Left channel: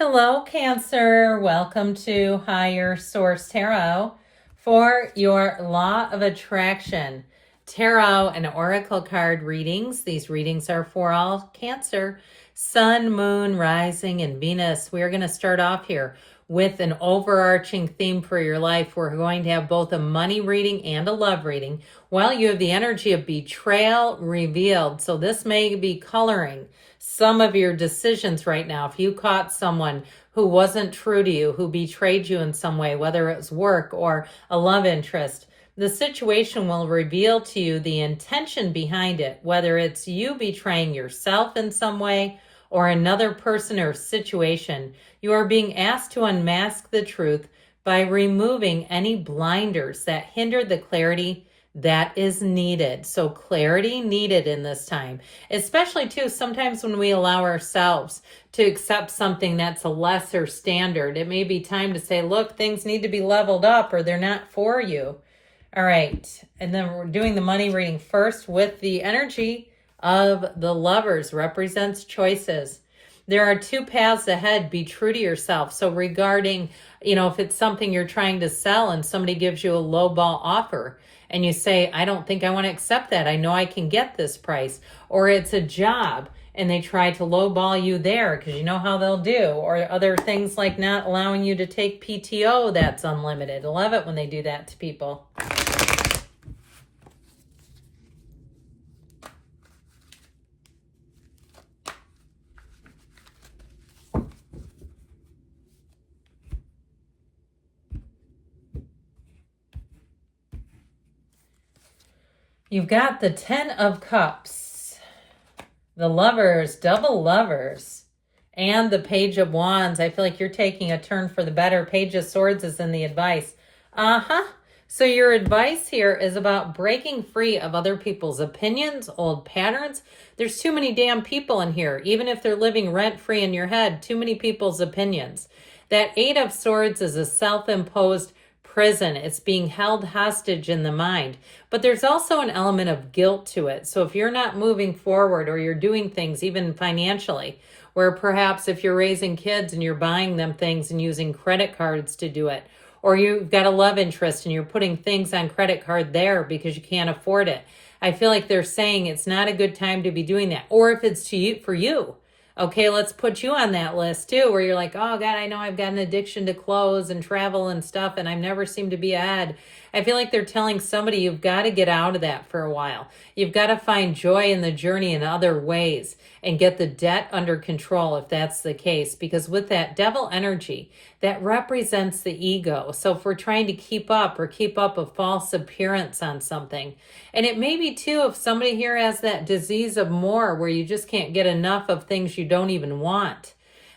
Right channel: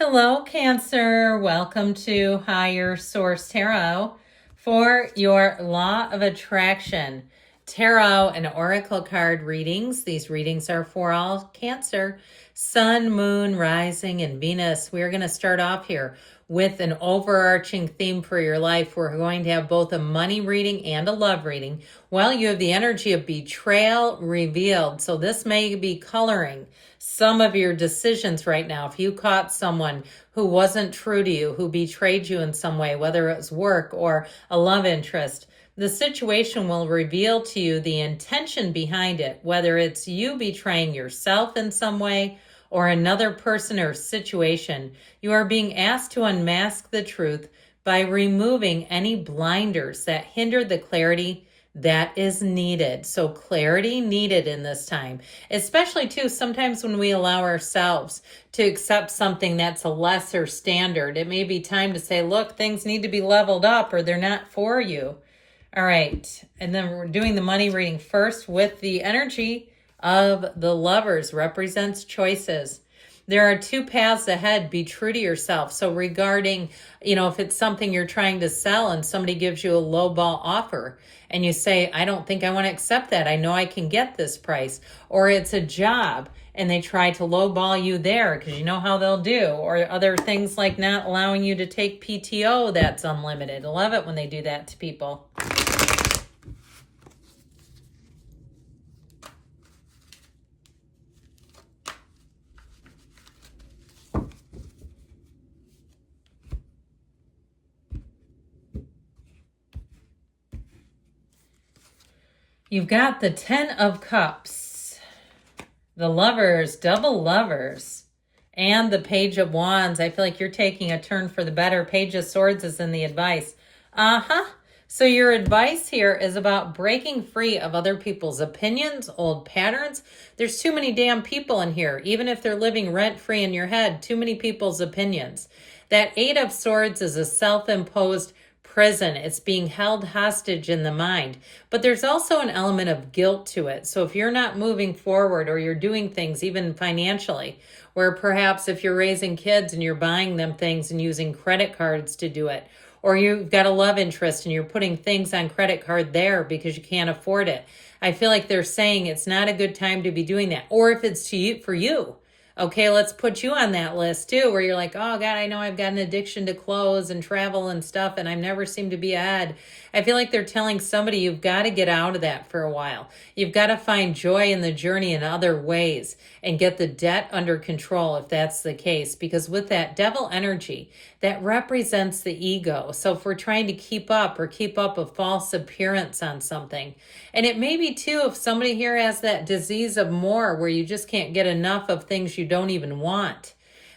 Hello, Cancer. Welcome to Higher Source Tarot for your Law of Attraction Tarot and Oracle card readings. These readings are for all Cancer, Sun, Moon, Rising, and Venus. We're going to start off here with an overarching theme for your life. We're going to have both a money reading and a love reading. Well, you have the energy of betrayal revealed. So this may be coloring some of your decisions right now. If you caught someone who wasn't true to you, who betrayed you in some way, whether it's work or a love interest, the situation will reveal to you the intention behind it, whether it's you betraying yourself in some way or another person or situation. You are being asked to unmask the truth by removing any blinders that hinder the clarity that is needed. So clarity needed in this time, especially too, sometimes when we allow ourselves to accept something that's a lesser standard, it may be time to say, look, things need to be leveled up or they're not for you. All right. And then we're doing the money reading first with the energy of the Lovers, represents choices. There are two paths ahead. Be true to yourself. So regarding, if it's something you're trying to sell and somebody gives you a lowball offer and you say, I don't think I want to accept that. I know I can get this price. Or it's a job and they try to lowball you there because you know how they'll do. Or other things like not allowing you to take PTO that's unlimited. I love it when they do that to people. You've got the 10 of Cups, the Lovers, double Lovers, and the Page of Wands. I feel like you're taking a turn for the better. Page of Swords is in the advice. So your advice here is about breaking free of other people's opinions, old patterns. There's too many damn people in here. Even if they're living rent-free in your head, too many people's opinions. That 8 of Swords is a self-imposed prison. It's being held hostage in the mind. But there's also an element of guilt to it. So if you're not moving forward or you're doing things even financially, where perhaps if you're raising kids and you're buying them things and using credit cards to do it, or you've got a love interest and you're putting things on credit card there because you can't afford it, I feel like they're saying it's not a good time to be doing that. Or if it's to you, for you, okay, let's put you on that list too, where you're like, oh God, I know I've got an addiction to clothes and travel and stuff, and I never seem to be ahead. I feel like they're telling somebody you've got to get out of that for a while. You've got to find joy in the journey in other ways and get the debt under control if that's the case. Because with that devil energy, that represents the ego. So if we're trying to keep up a false appearance on something, and it may be too, if somebody here has that disease of more where you just can't get enough of things you don't even want,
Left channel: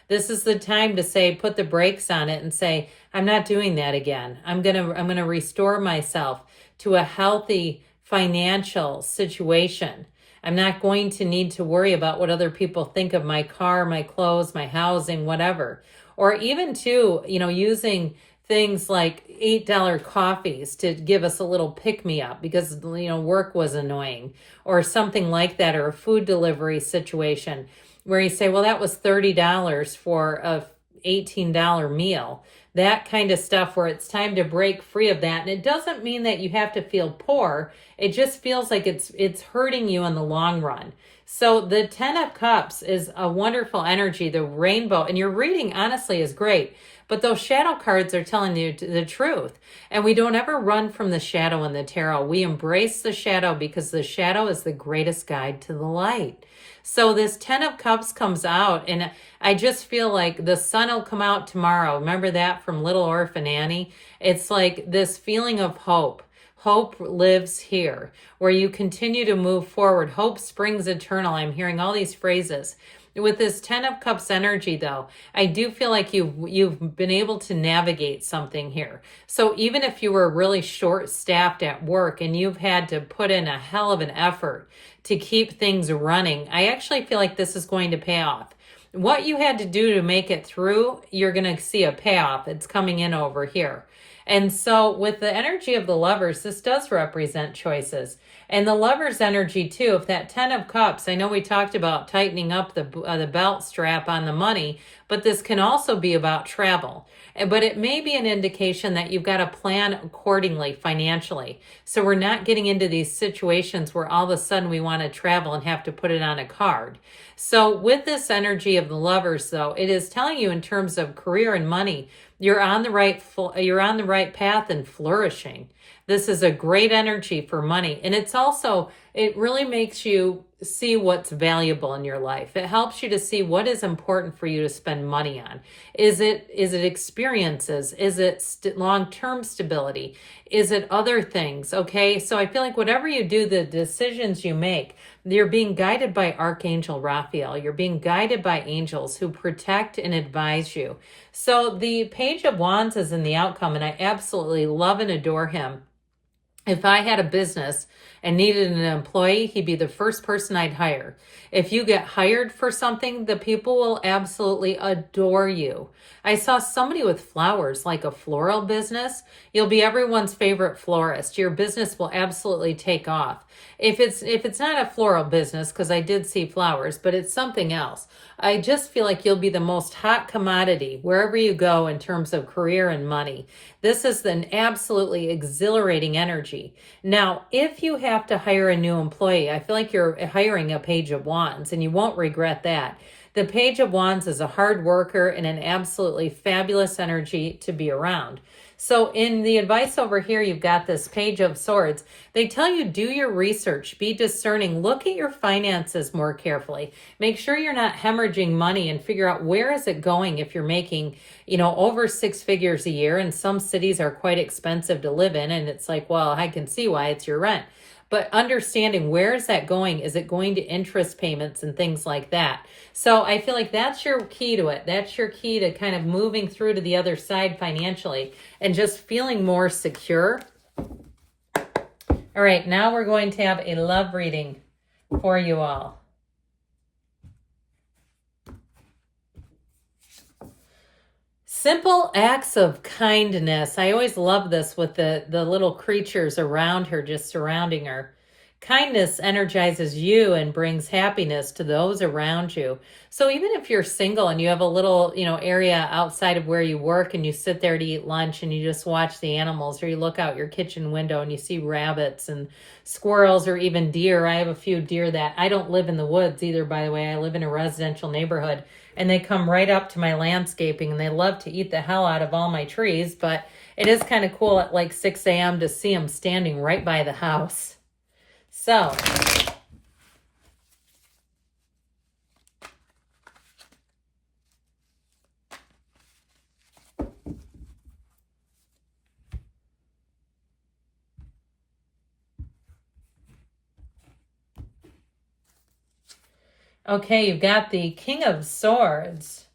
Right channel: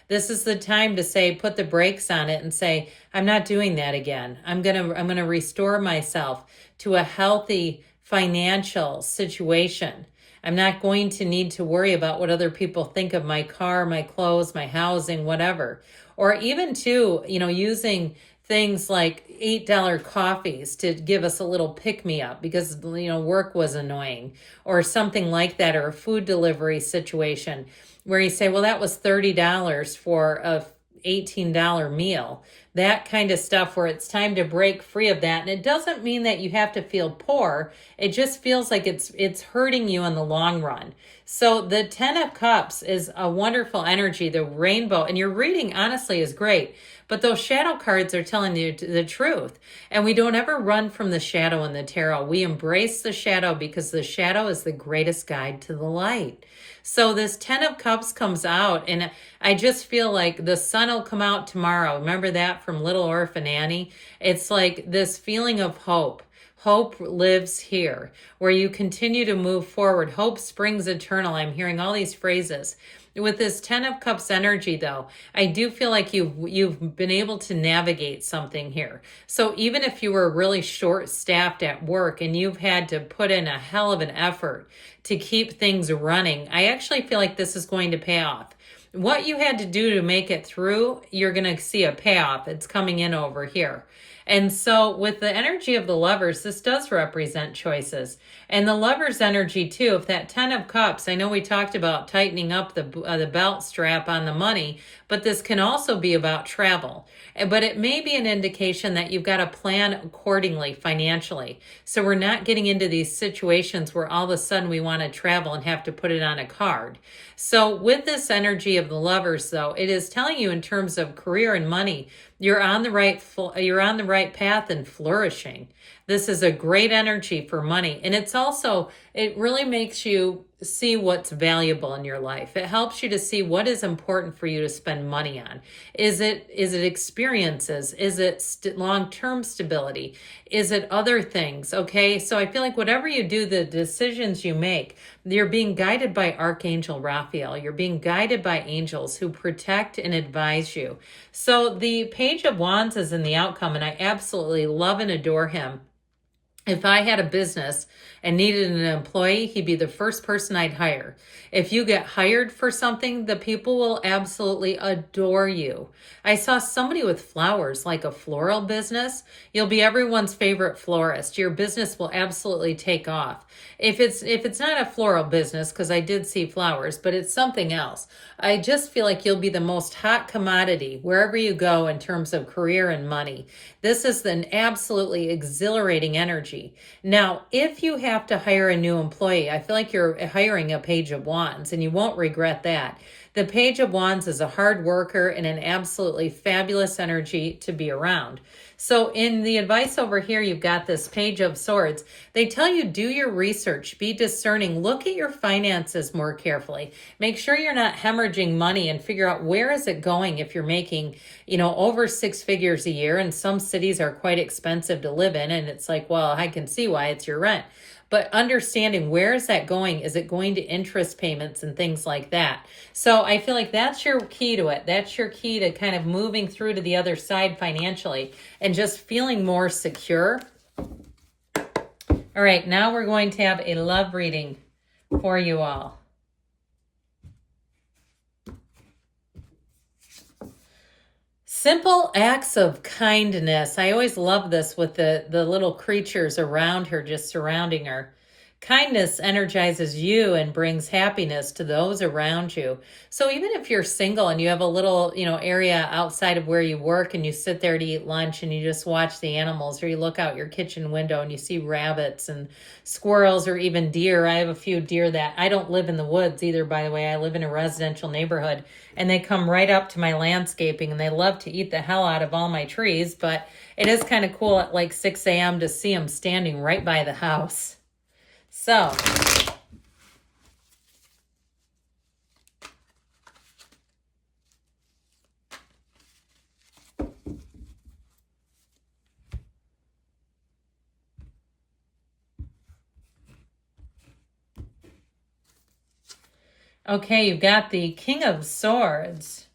this is the time to say, put the brakes on it and say, I'm not doing that again. I'm going to restore myself to a healthy financial situation. I'm not going to need to worry about what other people think of my car, my clothes, my housing, whatever. Or even too, using things like $8 coffees to give us a little pick-me-up because, work was annoying or something like that, or a food delivery situation where you say, well, that was $30 for a $18 meal. That kind of stuff where it's time to break free of that. And it doesn't mean that you have to feel poor. It just feels like it's hurting you in the long run. So the 10 of Cups is a wonderful energy, the rainbow. And your reading, honestly, is great. But those shadow cards are telling you the truth. And we don't ever run from the shadow in the tarot. We embrace the shadow because the shadow is the greatest guide to the light. So this 10 of Cups comes out, and I just feel like the sun will come out tomorrow. Remember that from Little Orphan Annie? It's like this feeling of hope. Hope lives here, where you continue to move forward. Hope springs eternal. I'm hearing all these phrases. With this 10 of Cups energy, though, I do feel like you've been able to navigate something here. So even if you were really short-staffed at work and you've had to put in a hell of an effort to keep things running, I actually feel like this is going to pay off. What you had to do to make it through, you're going to see a payoff. It's coming in over here. And so with the energy of the Lovers, this does represent choices. And the Lovers energy too, if that 10 of Cups, I know we talked about tightening up the belt strap on the money, but this can also be about travel. But it may be an indication that you've got to plan accordingly financially. So we're not getting into these situations where all of a sudden we want to travel and have to put it on a card. So with this energy of the Lovers, though, it is telling you in terms of career and money, you're on the right path and flourishing. This is a great energy for money. And it's also, it really makes you see what's valuable in your life. It helps you to see what is important for you to spend money on. Is it experiences? Is it long-term stability? Is it other things? Okay. So I feel like whatever you do, the decisions you make, you're being guided by Archangel Raphael. You're being guided by angels who protect and advise you. So the Page of Wands is in the outcome, and I absolutely love and adore him. If I had a business and needed an employee, he'd be the first person I'd hire. If you get hired for something, the people will absolutely adore you. I saw somebody with flowers, like a floral business. You'll be everyone's favorite florist. Your business will absolutely take off. If it's not a floral business, because I did see flowers, but it's something else, I just feel like you'll be the most hot commodity wherever you go in terms of career and money. This is an absolutely exhilarating energy. Now, if you have to hire a new employee, I feel like you're hiring a Page of Wands, and you won't regret that. The Page of Wands is a hard worker and an absolutely fabulous energy to be around. So in the advice over here, you've got this Page of Swords. They tell you, do your research, be discerning, look at your finances more carefully. Make sure you're not hemorrhaging money, and figure out where is it going if you're making, over 6 figures a year. And some cities are quite expensive to live in. And it's like, well, I can see why, it's your rent. But understanding, where is that going? Is it going to interest payments and things like that? So I feel like that's your key to it. That's your key to kind of moving through to the other side financially and just feeling more secure. All right, now we're going to have a love reading for you all. Simple acts of kindness. I always love this with the little creatures around her, just surrounding her. Kindness energizes you and brings happiness to those around you. So even if you're single and you have a little, area outside of where you work, and you sit there to eat lunch and you just watch the animals, or you look out your kitchen window and you see rabbits and squirrels or even deer. I have a few deer that I don't live in the woods either, by the way. I live in a residential neighborhood, and they come right up to my landscaping, and they love to eat the hell out of all my trees. But it is kind of cool at like 6 a.m. to see them standing right by the house. So, okay, you've got the King of Swords,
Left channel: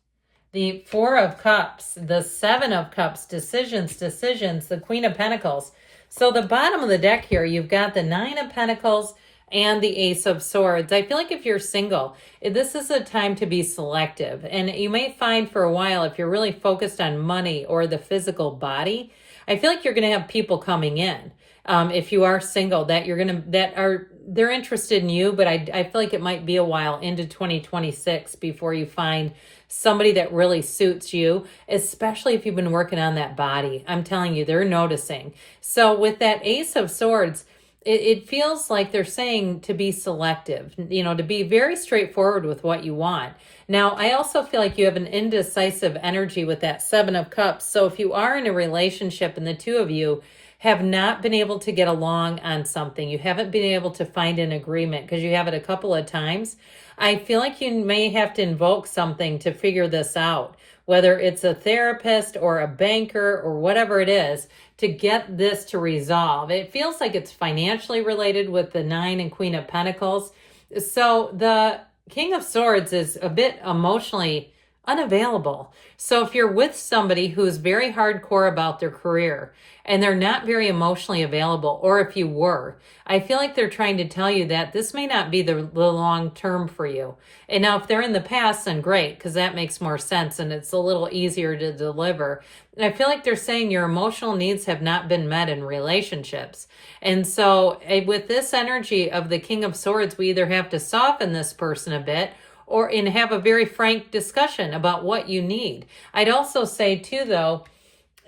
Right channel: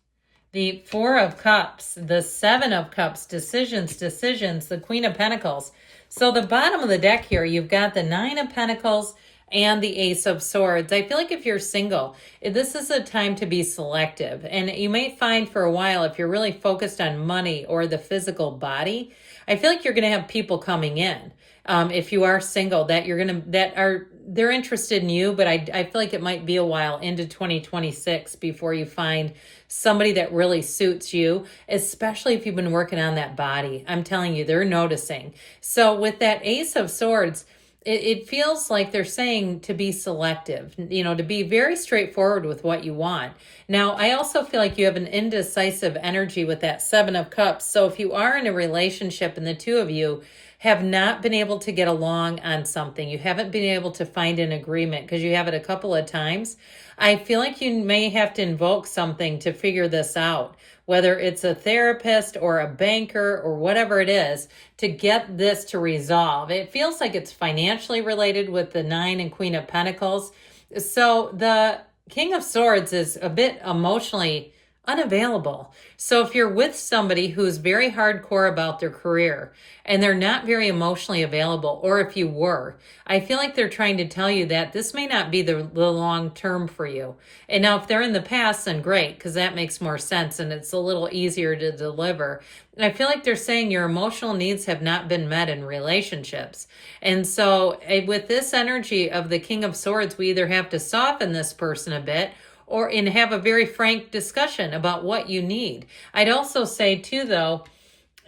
the 4 of Cups, the 7 of Cups, decisions, the Queen of Pentacles. So the bottom of the deck here, you've got the 9 of Pentacles and the Ace of Swords. I feel like if you're single, this is a time to be selective. And you may find for a while, if you're really focused on money or the physical body, I feel like you're going to have people coming in. If you are single, they're interested in you, but I feel like it might be a while into 2026 before you find somebody that really suits you, especially if you've been working on that body. I'm telling you, they're noticing. So with that Ace of Swords, it feels like they're saying to be selective, to be very straightforward with what you want. Now, I also feel like you have an indecisive energy with that 7 of Cups. So if you are in a relationship and the two of you have not been able to get along on something, you haven't been able to find an agreement because you have it a couple of times, I feel like you may have to invoke something to figure this out, whether it's a therapist or a banker or whatever it is, to get this to resolve. It feels like it's financially related with the 9 and Queen of Pentacles. So the King of Swords is a bit emotionally unavailable. So if you're with somebody who's very hardcore about their career and they're not very emotionally available, or if you were, I feel like they're trying to tell you that this may not be the long term for you. And now if they're in the past, then great, because that makes more sense and it's a little easier to deliver. And I feel like they're saying your emotional needs have not been met in relationships. And so with this energy of the King of Swords, we either have to soften this person a bit or and have a very frank discussion about what you need. I'd also say too, though,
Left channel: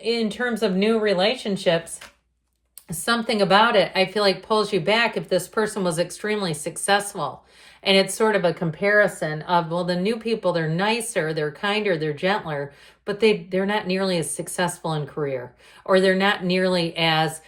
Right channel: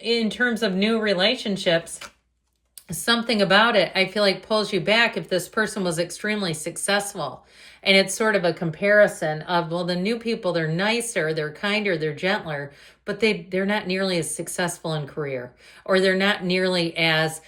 in terms of new relationships, something about it, I feel like pulls you back if this person was extremely successful. And it's sort of a comparison of, well, the new people, they're nicer, they're kinder, they're gentler, but they're not nearly as successful in career, or they're not nearly as,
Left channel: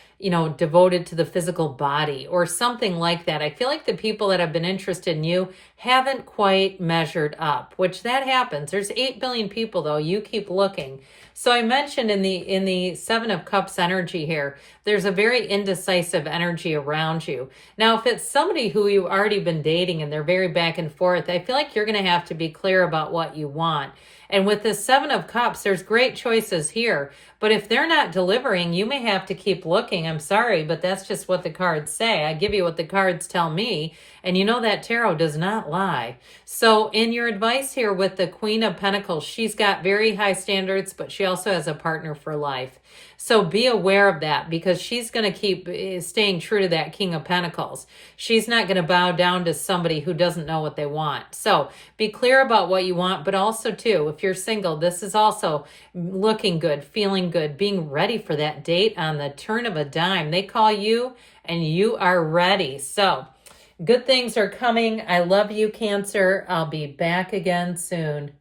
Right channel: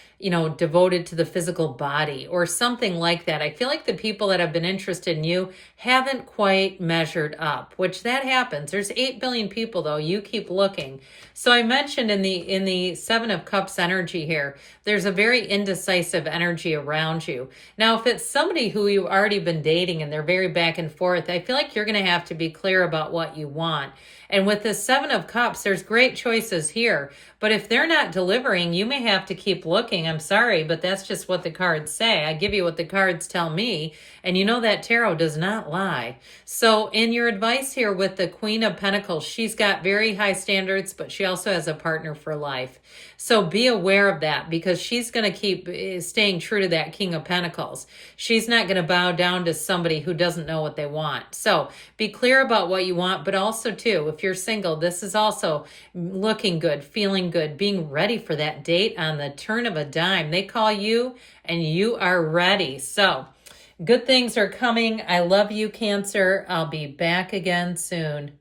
devoted to the physical body or something like that. I feel like the people that have been interested in you haven't quite measured up, which that happens. There's 8 billion people though. You keep looking. So I mentioned in the 7 of Cups energy here, there's a very indecisive energy around you. Now, if it's somebody who you've already been dating and they're very back and forth, I feel like you're going to have to be clear about what you want. And with the 7 of Cups, there's great choices here. But if they're not delivering, you may have to keep looking. I'm sorry, but that's just what the cards say. I give you what the cards tell me. And you know that tarot does not lie. So in your advice here with the Queen of Pentacles, she's got very high standards, but she also has a partner for life. So be aware of that, because she's going to keep staying true to that King of Pentacles. She's not going to bow down to somebody who doesn't know what they want. So be clear about what you want, but also too, if you're single, this is also looking good, feeling good, being ready for that date on the turn of a dime. They call you and you are ready. So good things are coming. I love you, Cancer. I'll be back again soon.